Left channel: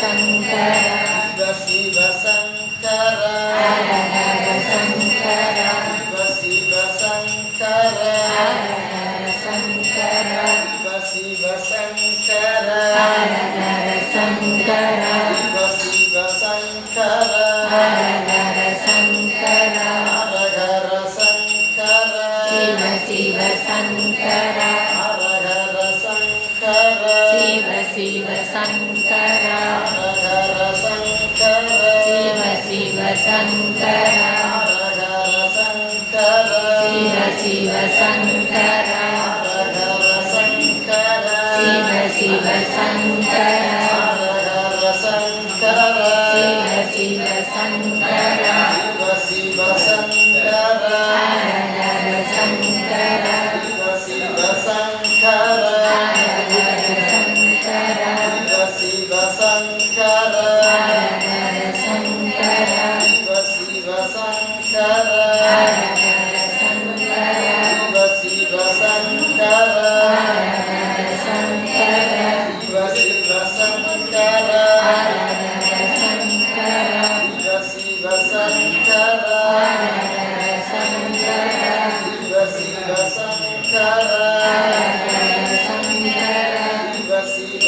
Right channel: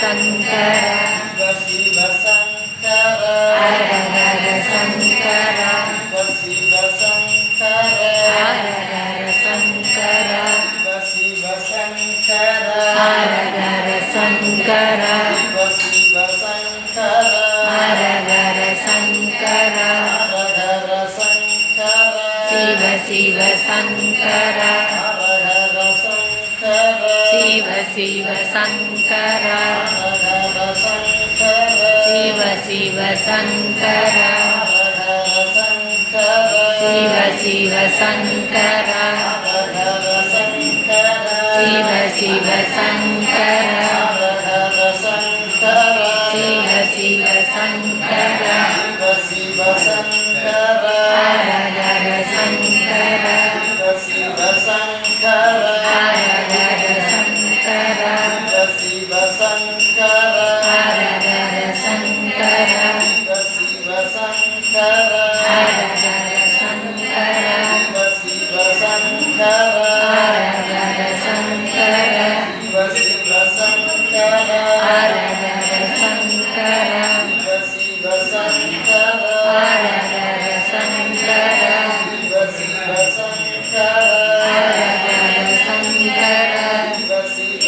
Sankara Shiva Sankara Hara Hara Sankara Shiva Sankara Hara Hara Sankara Shiva Sankara Hara Hara Sankara Shiva Sankara Hara Hara Sankara Hara Sankara Shiva Shiva Sankara Hara Sankara Shiva Shiva Sankara Hara Sankara Shiva Shiva Sankara Hara Sankara Shiva Shiva Sankara Shiva Shiva Sankara Shiva Shiva Sankara Shiva Sankara Hara Hara Sankara Shiva Sankara Hara Hara Sankara Shiva Sankara Hara Hara Sankara Shiva Sankara Hara Hara Sankara Shiva Sankara Hara Hara Sankara Shiva Sankara Hara Hara Sankara Shiva Sankara Hara Hara Sankara Shiva Sankara Hara Hara Sankara Shiva